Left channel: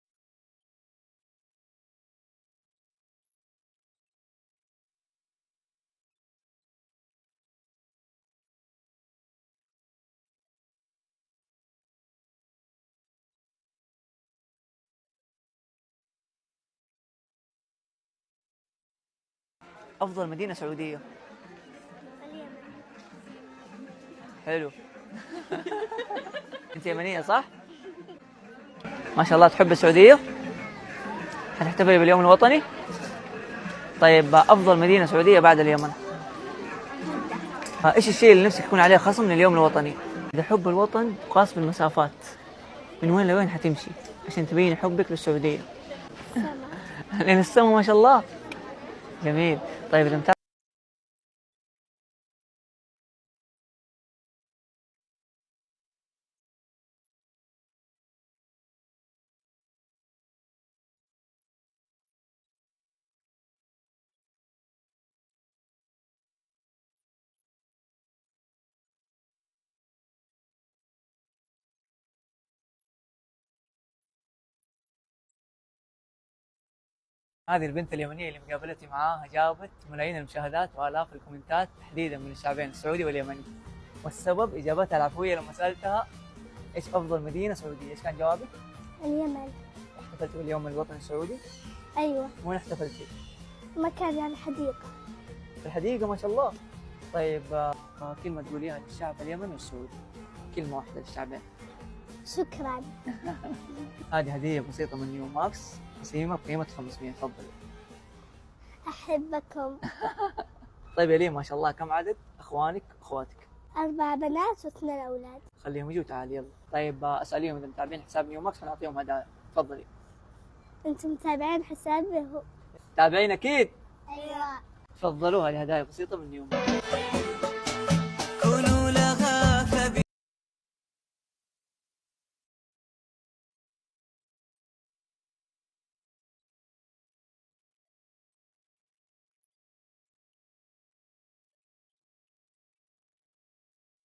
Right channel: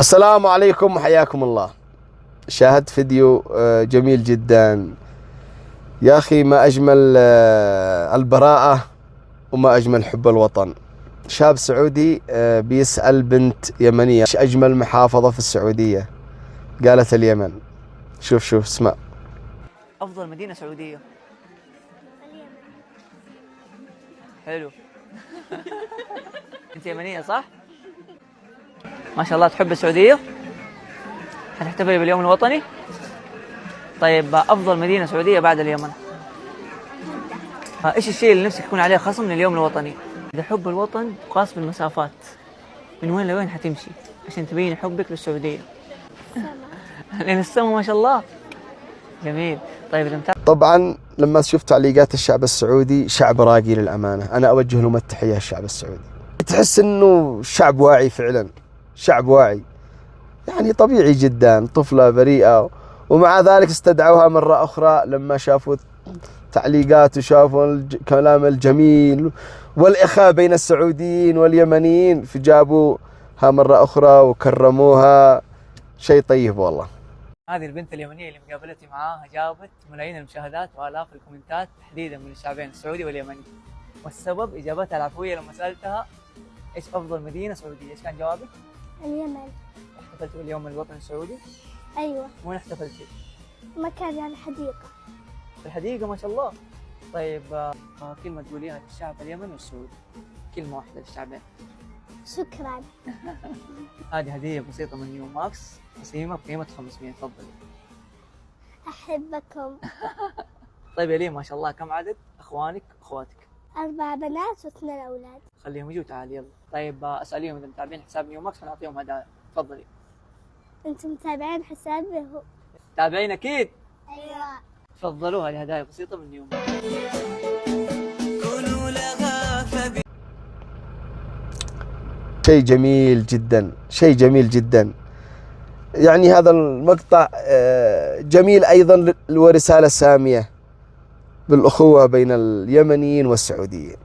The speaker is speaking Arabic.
السلام عليكم وحياكم الله. شاهدت فيديو جميل جدا يا أخي، ما أجمل البراءة وما أجمل حب الوطن. شاب سعودي بيسأل بنت يمنية ايش أجمل محافظة في السعودية، قالت اليمن. شوف اسمع. أفضل مدينة سعودية. حلو. أنت يمنية صح؟ ما شاء الله تحب السعودية؟ حتحتفلي باليوم الوطني؟ طيب أفضل مدينة سعودية بعد اليمن؟ إيش الشيء اللي نفسك يكون عليه خصم من اليوم الوطني؟ إذا حب الوطن تقاس بالمسافات، من وين لوين حتمشي عشان تبين حبك للسعودية؟ لين السما ما شاء الله. جميل. طيب إذا طبعا لما شفت تعليقات الشعب السعودي، شعب راقي للأمانة، أنا أوجه لهم التحية. الشعب السعودي تحس أنه شعب واعي فعلا، شعب واعي، يعني طبيعي جدا، طفلة بريئة، ومع ذلك استدعوها مرة أخرى لما شافوا تعليقات وشافوا الكلام الجميل والإخاء بين السعوديين واليمنيين، فجابوها مرة أخرى وكرموها. شيء طيب والله. هذه البنت اليمنية اللي مقابلتي معاها جابت ملايين المشاهدات وآلاف الكومنتات تحديدا من الشعبين السعودي واليمني، والسبب إجابتها العفوية لما سألتها إيش أفضل مدينة سعودية؟ إيش كان جوابك؟ اليمن. احتفلتي باليوم الوطني السعودي؟ أيوة. وين احتفلتي؟ مكان يعني حديقة. في الحديقة ما شاء الله. طيب كلمة تقوليها للشعب اليمني والسعودي، كلمة واحدة للشعبين. شكرا. هذه هدية بسيطة من نيو ماكس، قسيمة بقيمة 500. تفضلي. أحبكم. طيب يا ليه ما شاء الله كم عدد أخوانك وأخواتك؟ 4 بنات و2 أولاد. خليهم يجوا تعالي يلا. طيب أسأليهم إذا متابعين حساب نيو ماكس ونعطيهم هدايا. تفضلي. أنتم متابعين حسابي هو؟ تابعين أكيد. أيوة. تفضلوا، هذه هدايا بسيطة من نيو ماكس. شيء جميل جدا، شيء جميل جدا. يعني هذا المقطع جميل أيضا ورسالة سامية بالأخوة بين اليمنيين والسعوديين.